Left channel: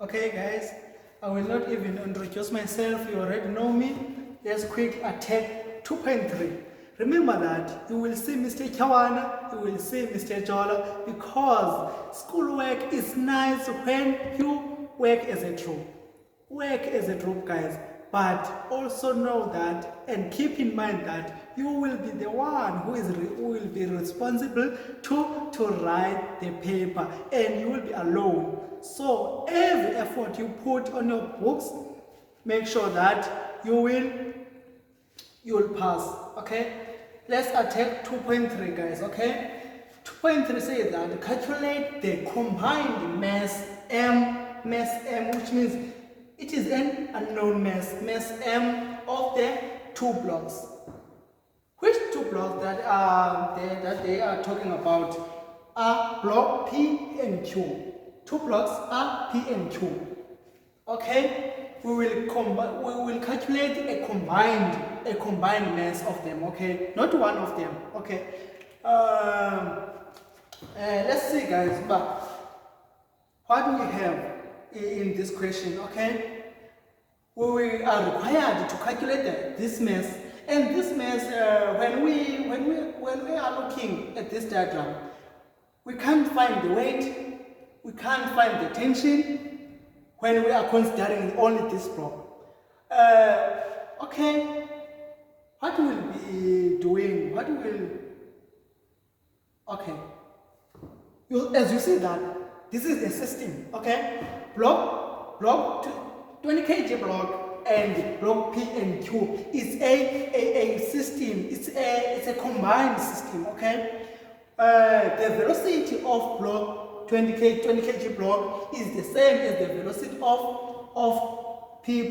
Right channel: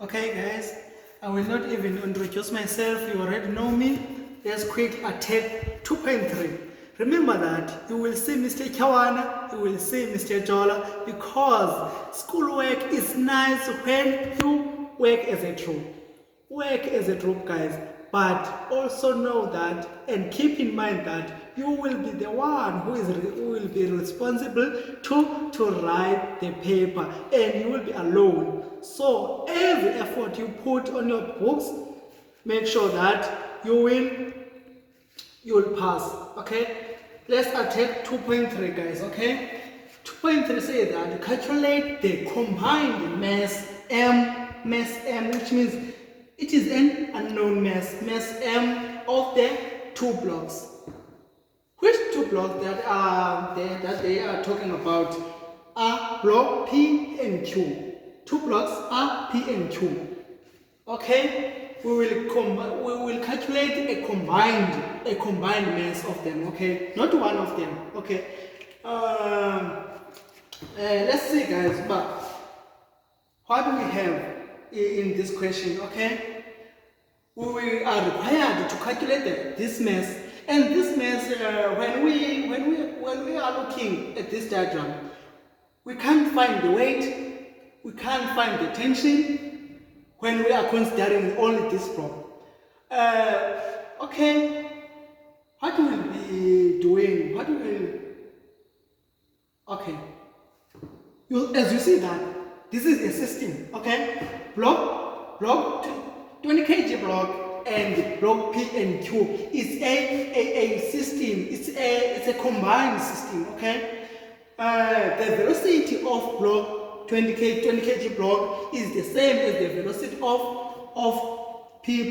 Okay guys, I will not even introduce myself, you already know me. Let's quickly attack 2.3. Remember that you will see Mr. Chawana, you will see Mr. Jola, because schoolwork is nice when you work as a group. Work as a group, guys, but also know that and keep in mind that you will be the one who will be responsible to write the paper, and you will be alone. So every effort you put on your books, make sure that you will pass. Okay, let's attack 2.3, guys. Okay, 2.3 says that calculate the combined mass m, which means it is an unknown mass m of the two blocks. Which two blocks that they are talking about are block P and Q. Two blocks are P and Q. Okay, we will calculate a combined mass of them. Okay, not one of them. Okay, let's see, guys. But what do we have in this question? Okay, we are required to calculate this mass, and this mass when we are looking at this diagram, we can't find the weight, we can't find the tension when we are considering only this block. Okay, what we will be doing, okay, as you see that this is a system. Okay, block 20 kg block and block P and Q is a system. It's a combined system. Okay, the velocity of block 20 kg block is the same as the velocity of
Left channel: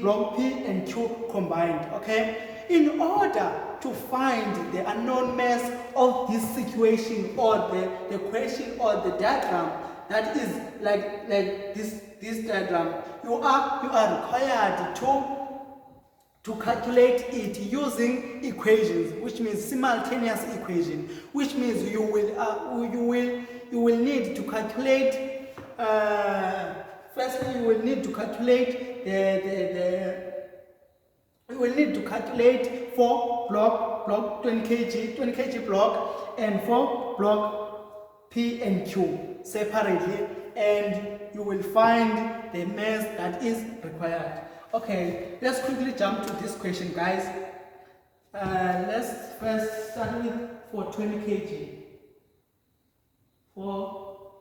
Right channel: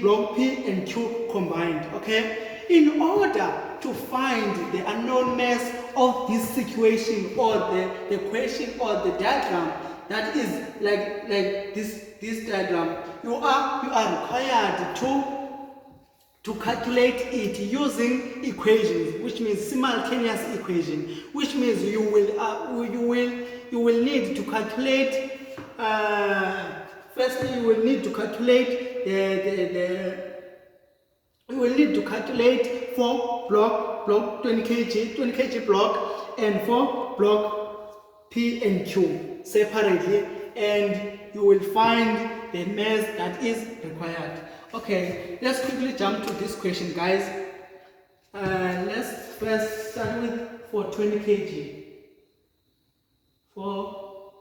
block P and Q combined. Okay, in order to find the unknown mass of this situation or the question or the diagram that is like this diagram, you are required to calculate it using equations, which means simultaneous equation, which means you will need to calculate. Firstly, you will need to calculate you will need to calculate for block 20 kg block and for block P and Q separately, and you will find the mass that is required. Okay, let's quickly jump to this question, guys. Let's first start with for 20 kg. For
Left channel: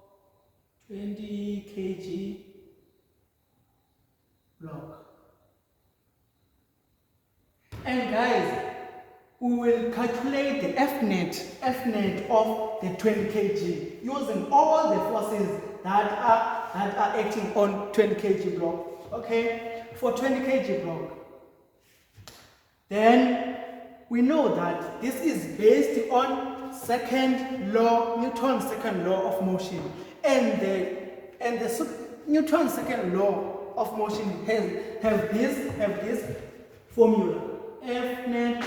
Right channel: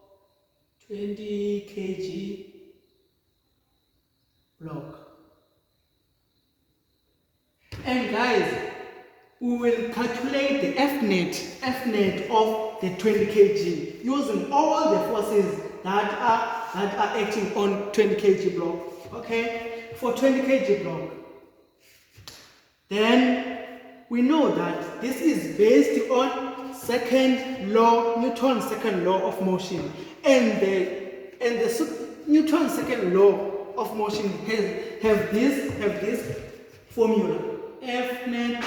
20 kg block. And guys, we will calculate the F net of the 20 kg using all the forces that are acting on 20 kg block. Okay, for 20 kg block, then we know that this is based on Newton's second law of motion, and the Newton's second law of motion have this formula. F net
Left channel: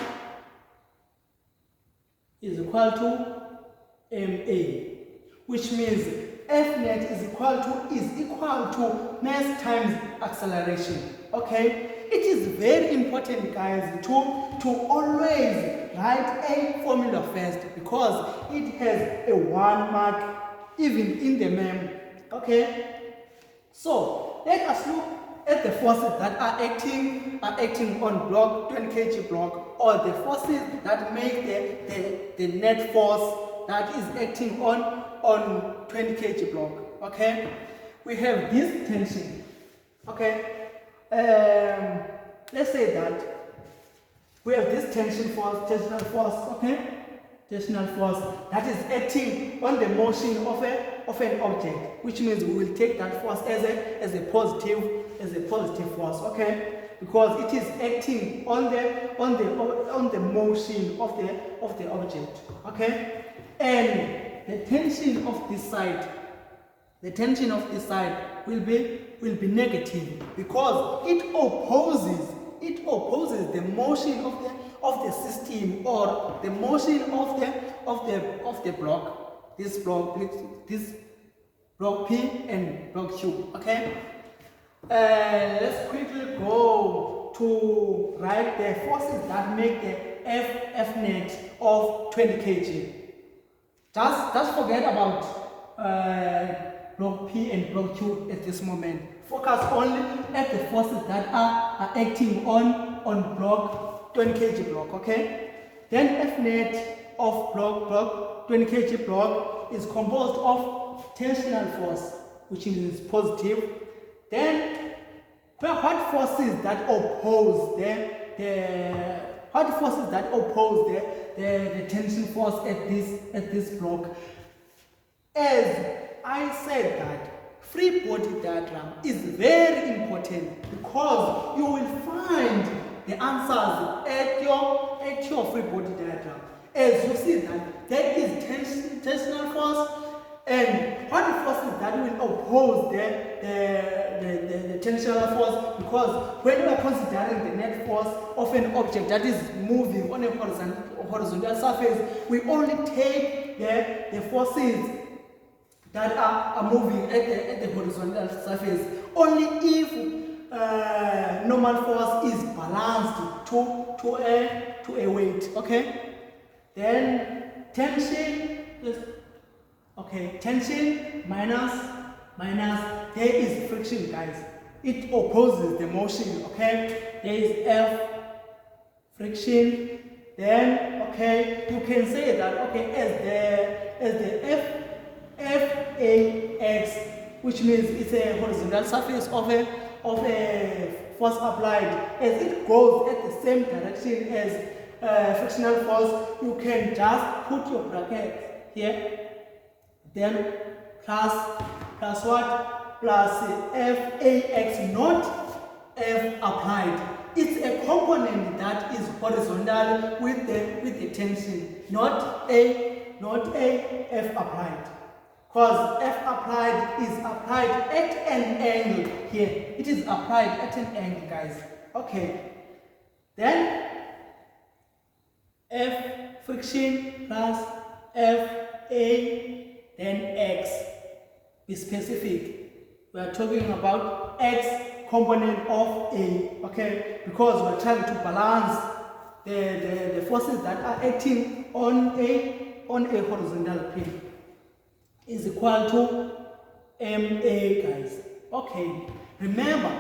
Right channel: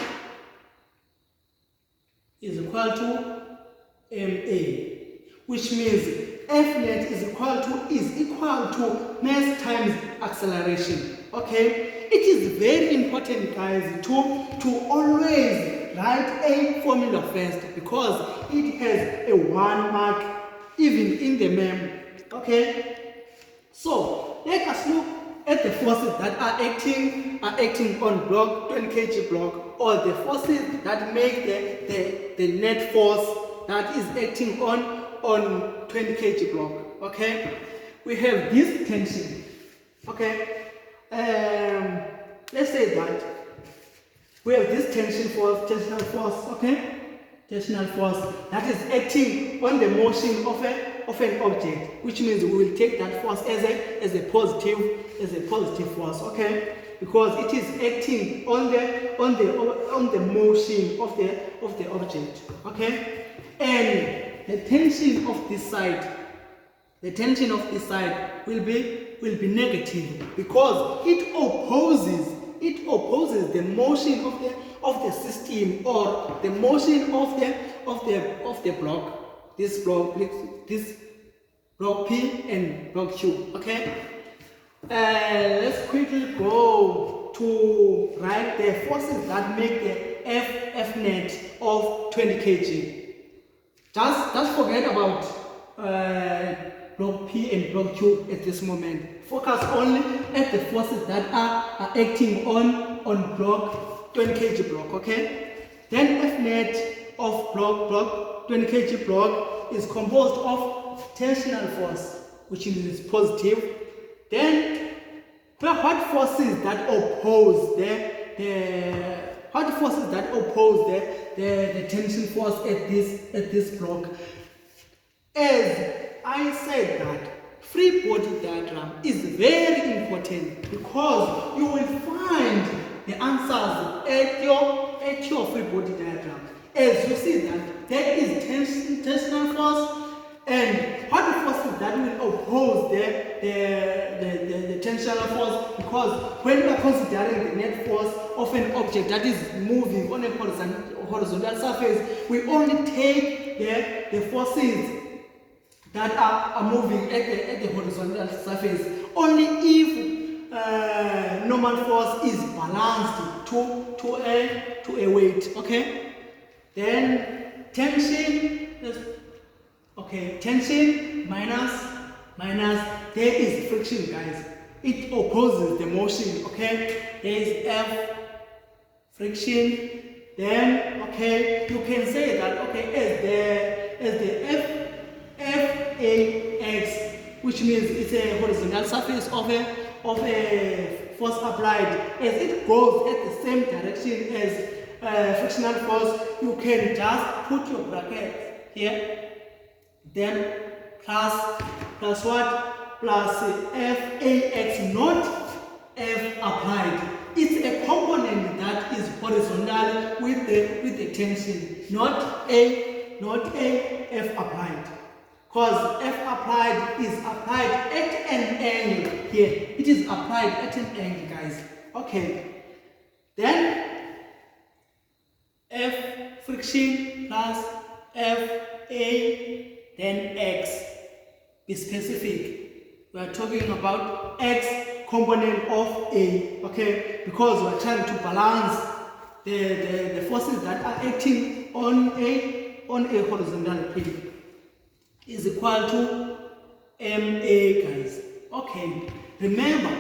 is equal to ma, which means F net is equal to mass times acceleration. Okay, it is very important, guys, to always write a formula first, because it has a 1 mark even in the mem. Okay, so let us look at the forces that are acting on block 20 kg block, or the forces that make the net force that is acting on 20 kg block. Okay, we have this tension. Okay, let's say that we have this tensional force. Okay, tensional force that is acting on the motion of an object, which means we will take that force as a positive force. Okay, because it is acting on the motion of the object. Okay, and the tension of this side will be negative, because it opposes the motion of the system, or the motion of the block, this block P and block Q. Okay, Let's quickly go to write the forces that make the F net of 20 kg. Just forget about block P and block Q at this moment. Focus only at the forces that are acting on block 20 kg block, okay? Then F net of block 20 kg block is composed of tensional force, which is positive. Then what forces that oppose the tension force at this block? As I said, that free body diagram is very important because you will find the answers at your free body diagram. As you see that there is tensional force, and what the forces that will oppose the tensional force, because when we are considering the net force of an object that is moving on a horizontal surface, we only take the forces that are moving at the horizontal surface only if normal force is balanced to a weight, okay? Then tension is tension minus there is friction, guys. It opposes the motion, okay? There is F friction. Then you can say that as the FAX, which means it's a horizontal surface of a force applied, as it goes at the same direction as frictional force, you can just put your bracket here. Then plus what? Plus FAX, not F applied. It's a component that is horizontal with the tension, not a F applied. Because F applied is applied at an angle here. It is applied at an angle, guys. Okay. Then F friction plus FA, then X. Be specific. We are talking about X component of A, okay? Because we are trying to balance the forces that are acting on a horizontal plane. Is equal to MA, guys. Okay. Remember,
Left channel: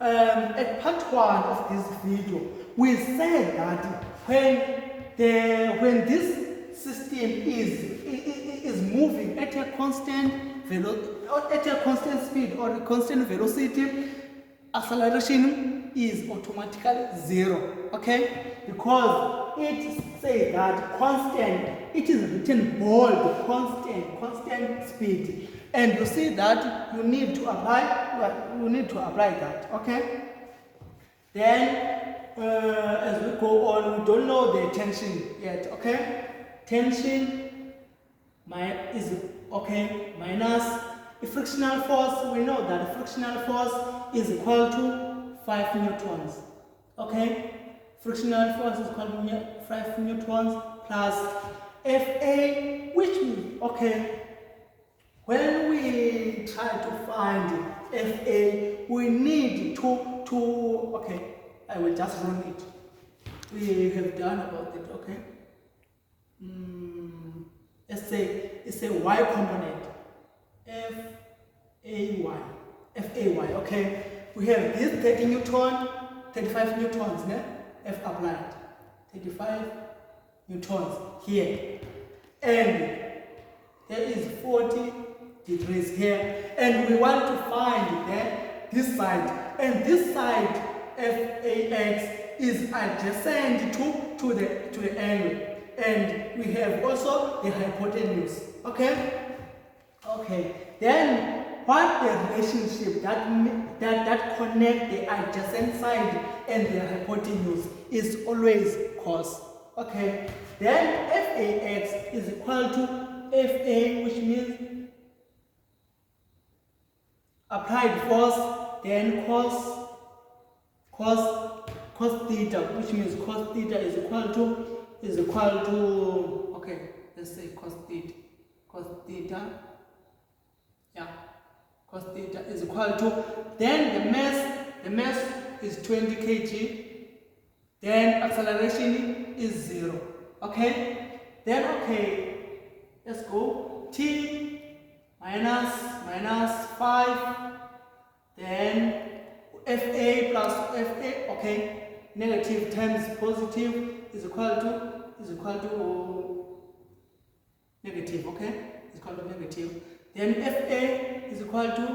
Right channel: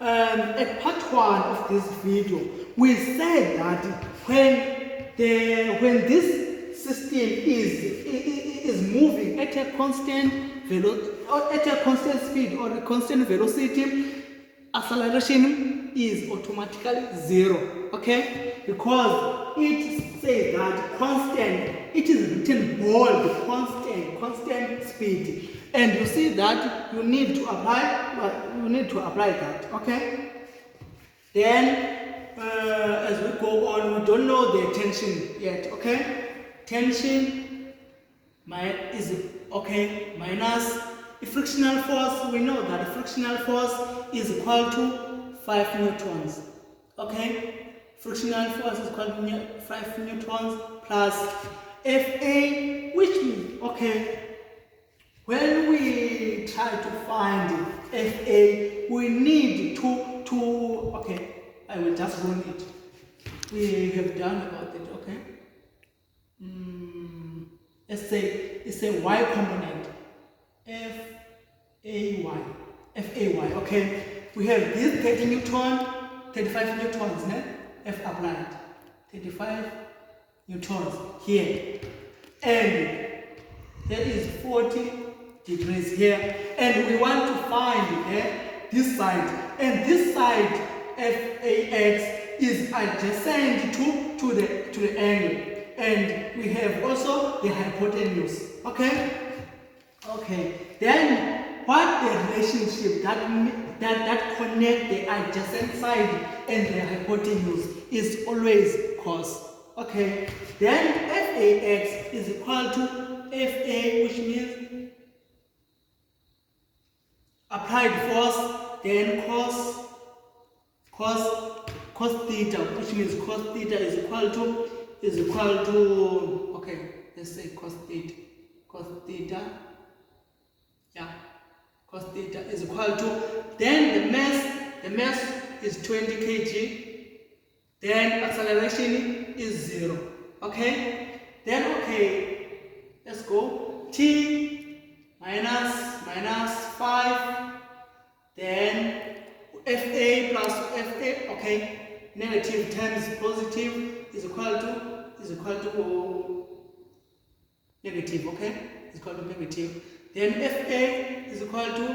at part 1 of this video, we said that when this system is moving at a constant speed or a constant velocity, acceleration is automatically 0, okay? Because it says that constant, it is written bold, constant speed, and you see that you need to apply that, okay? Then as we go on, we don't know the tension yet, okay? Tension is minus the frictional force. We know that the frictional force is equal to 5 newtons, okay? Frictional force is equal to 5 newtons plus Fa, which means, when we try to find Fa, we need to I will just run it. We have done about it, okay? Let's say it's a y component, Fay, okay? We have this 30 newton, 35 newtons, né? F applied, 35 newtons here, and there is 40 degrees here, and we want to find this side, and this side FAX is adjacent to the angle, and we have also the hypotenuse, okay? Then what the relationship that connect the adjacent side and the hypotenuse is always cos, okay? Then FAX is equal to FA, which means applied force, then cos theta, which means cos theta is equal to let's say cos theta, yeah, cos theta is equal to, then the mass is 20 kg, then acceleration is 0. Okay, then okay, let's go. T minus 5, then Fa plus Fa, okay, negative times positive is equal to negative, okay, is equal to negative. Then Fa is equal to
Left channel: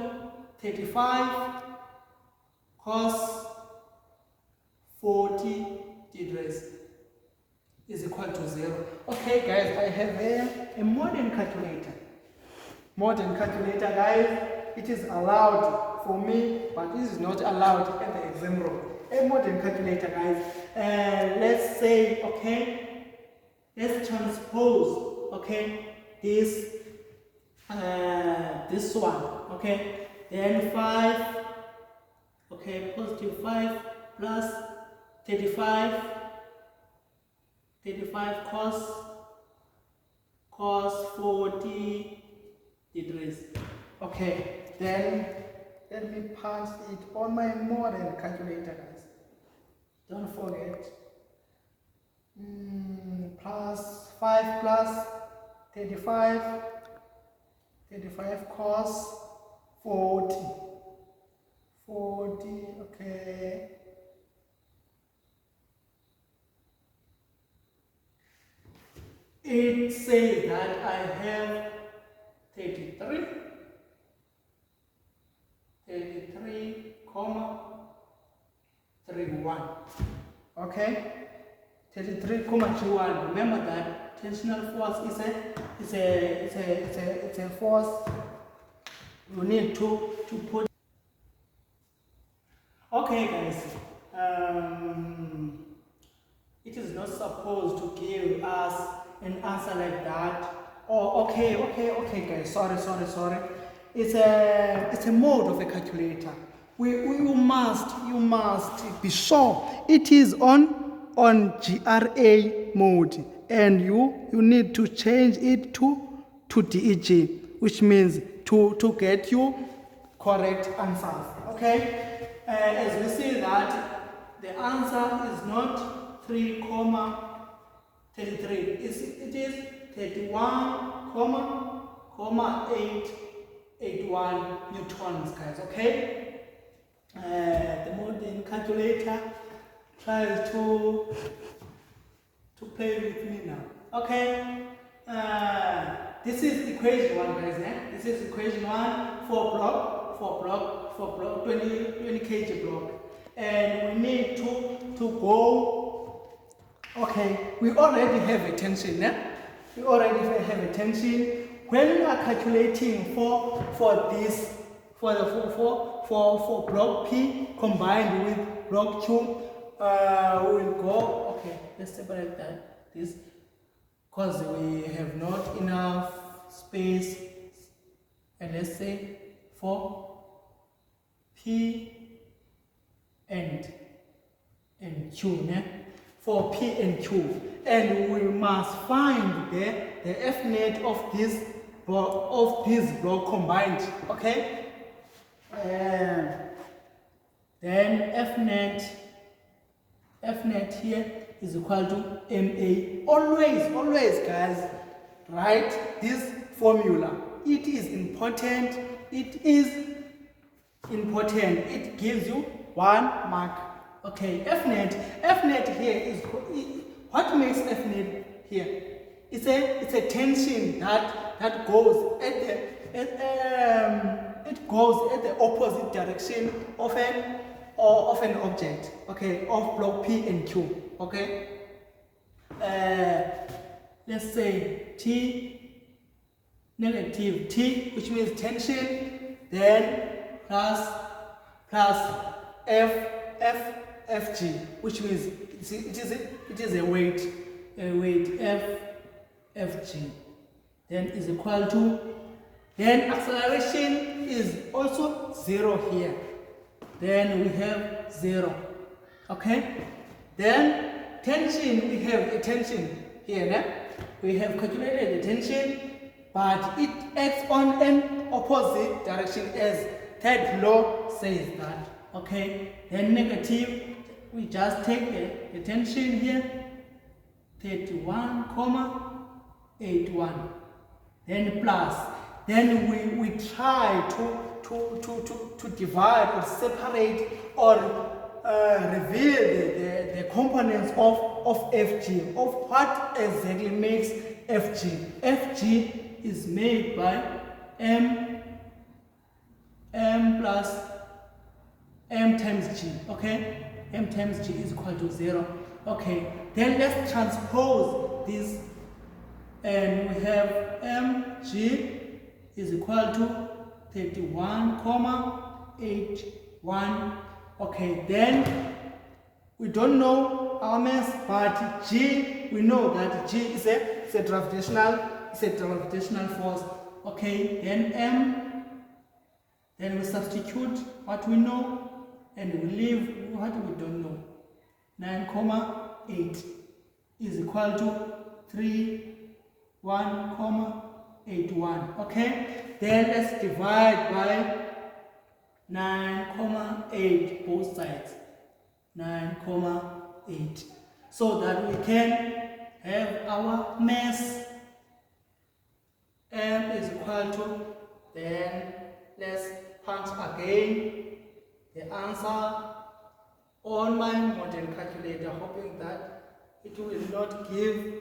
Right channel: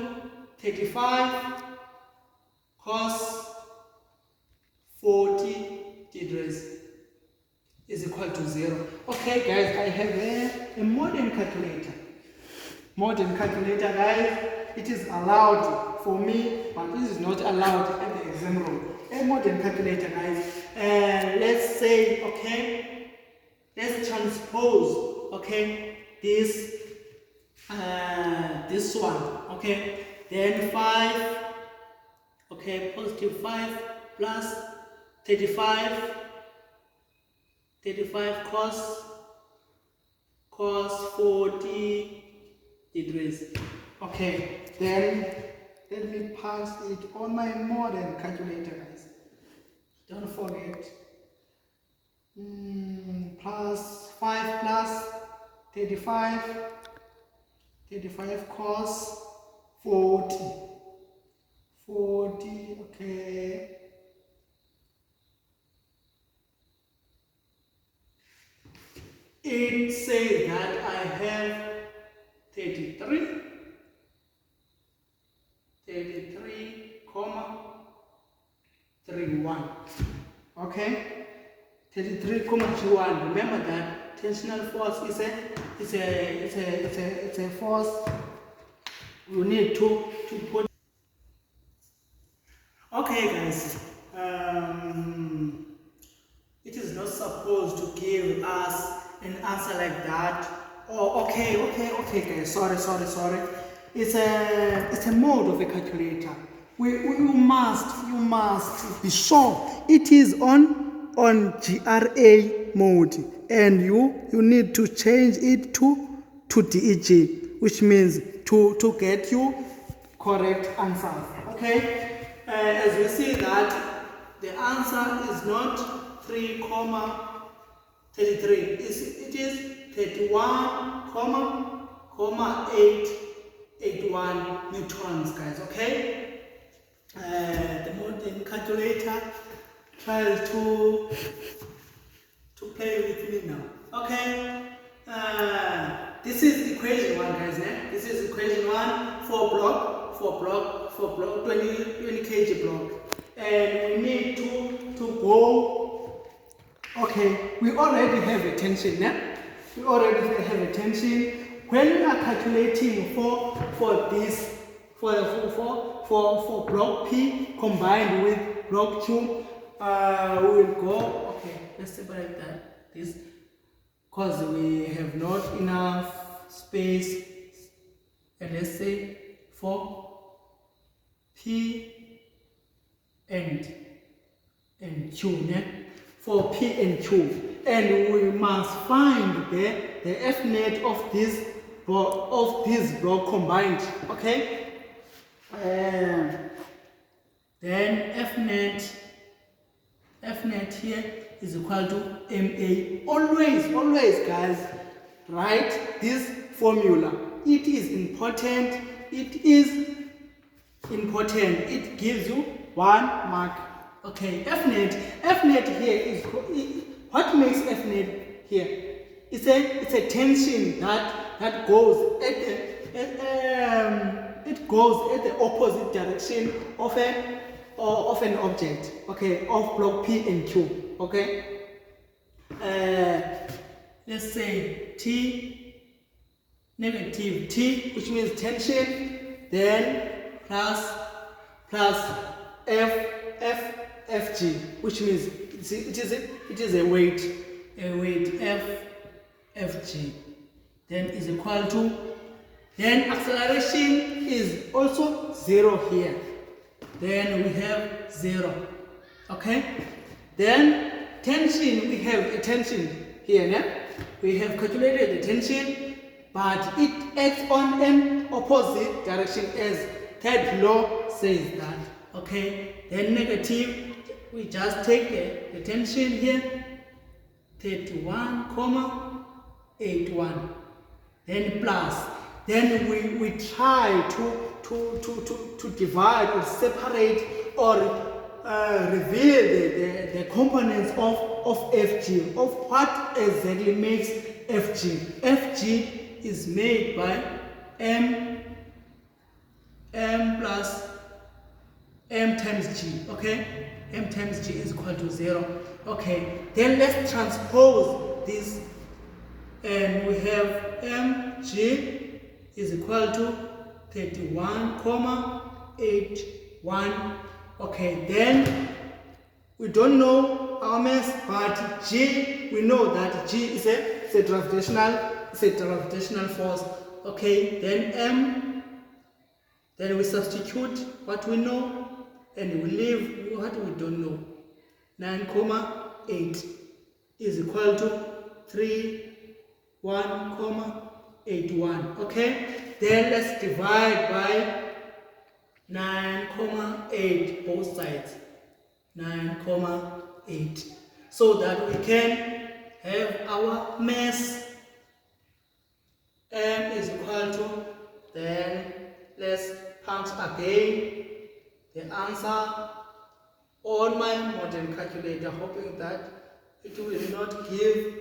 35 cos 40 degrees is equal to 0. Okay, guys, I have a modern calculator. Modern calculator, guys. It is allowed for me, but it is not allowed at the exam room. A modern calculator, guys. Let's say, okay, let's transpose, okay, this one, okay, then 5, okay, positive 5 plus 35 cos 40 degrees. Okay, then let me pass it on my modern calculator, guys. Don't forget. Plus 5 plus 35 cos 40, okay. It says that I have 33, comma 31. Okay, 33,31. Remember that tensional force is a force you need to put. Okay, guys. It is not supposed to give us an answer like that. Oh, okay, guys. Sorry. It's a mode of a calculator. You must be sure it is on GRA mode, and you need to change it to DEG, which means to get you correct answers. Okay, as we see that the answer is not 3,33. It is 31,881 newtons, guys. Okay. The modern calculator tries to play with me now. Okay. This is equation 1, guys. This is equation 1 for block 20 kg block, and we need to go. Okay, we already have a tension. We already have a tension. When we are calculating for this for block P combined with block Q, we will go. Okay, let's separate this because we have not enough space. And let's say for P and Q, for P and Q, and we must find the F net of this block combined. Okay. Then F net here is equal to MA. Always, guys, write this formula. It is important. It gives you 1 mark. Okay, F net here is what makes F net here. It's a tension that goes it goes at the opposite direction of an object. Okay, of block P and Q. Okay. Let's say T, negative T, which means tension, then plus Fg, which means it is a weight Fg, then is equal to, then acceleration is also 0 here, then we have 0. Okay, then tension, we have a tension here. We have calculated the tension, but it acts on an opposite direction as third law says that. Okay, then negative, we just take the tension here, 31,81. Then plus, then we try to divide or separate or reveal the components of Fg, of what exactly makes Fg. Fg is made by m plus m times g, okay? M times g is equal to 0. Okay, then let's transpose this, and we have mg is equal to 31,81. Okay, then we don't know our mass, but g, we know that g is a gravitational force. Okay, then m, then we substitute what we know and we leave what we don't know. 9,8 is equal to 31,81. Okay, then let's divide by 9,8 both sides. 9,8, so that we can have our mass. M is equal to, then let's punch again the answer on my modern calculator, hoping that it will not give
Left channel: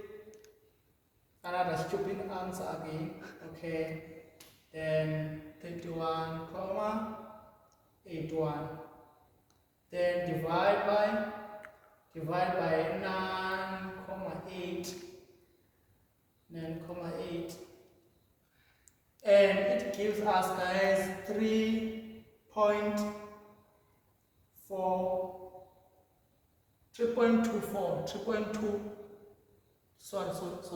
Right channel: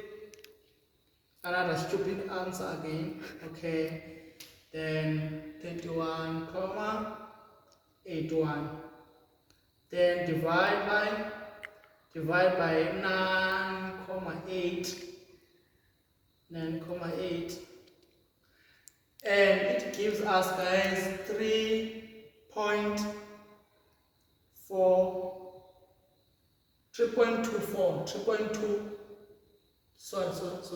another stupid answer again. Okay, then 31,81, then divide by 9,8, and it gives us, guys, 3.24. Sorry guys.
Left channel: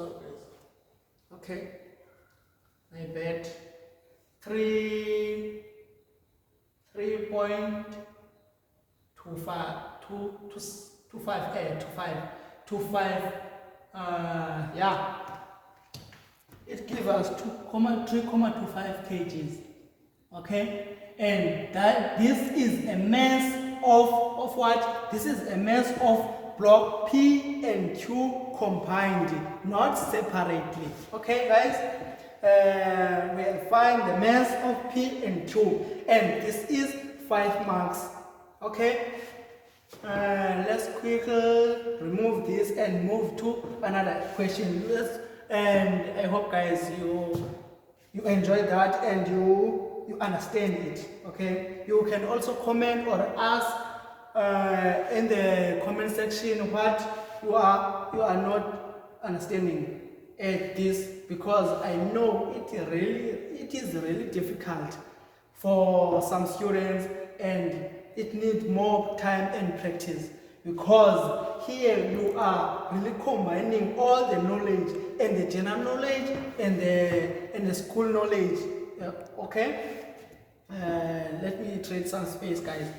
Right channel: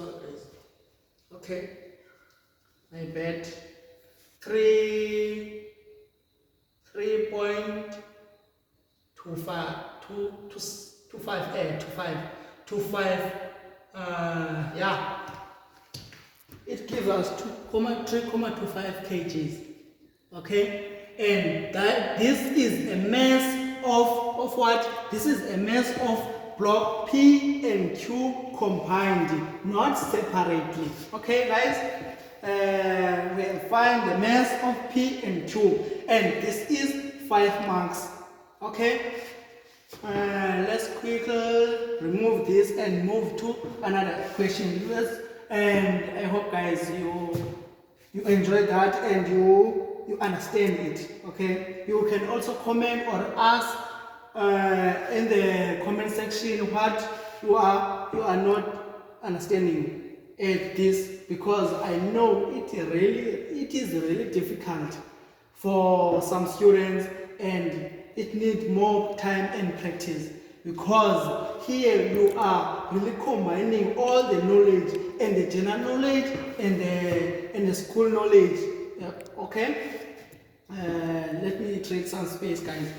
Okay, my bad. 3.25. Yeah, it gives us 3.25 kgs. Okay, and that this is a mass of what? This is a mass of block P and Q combined, not separately. Okay, guys, we'll find the mass of P and Q, and this is 5 marks. Okay, let's quickly remove this and move to another question. And I hope, guys, you enjoy that and you understand it. Okay, you can also comment or ask in the comment section what you are not understanding at this, because I know it is really difficult for some students, and it needs more time and practice, because here you are really combining all the knowledge, and the general knowledge and the school knowledge. Okay, let me trade some space, guys.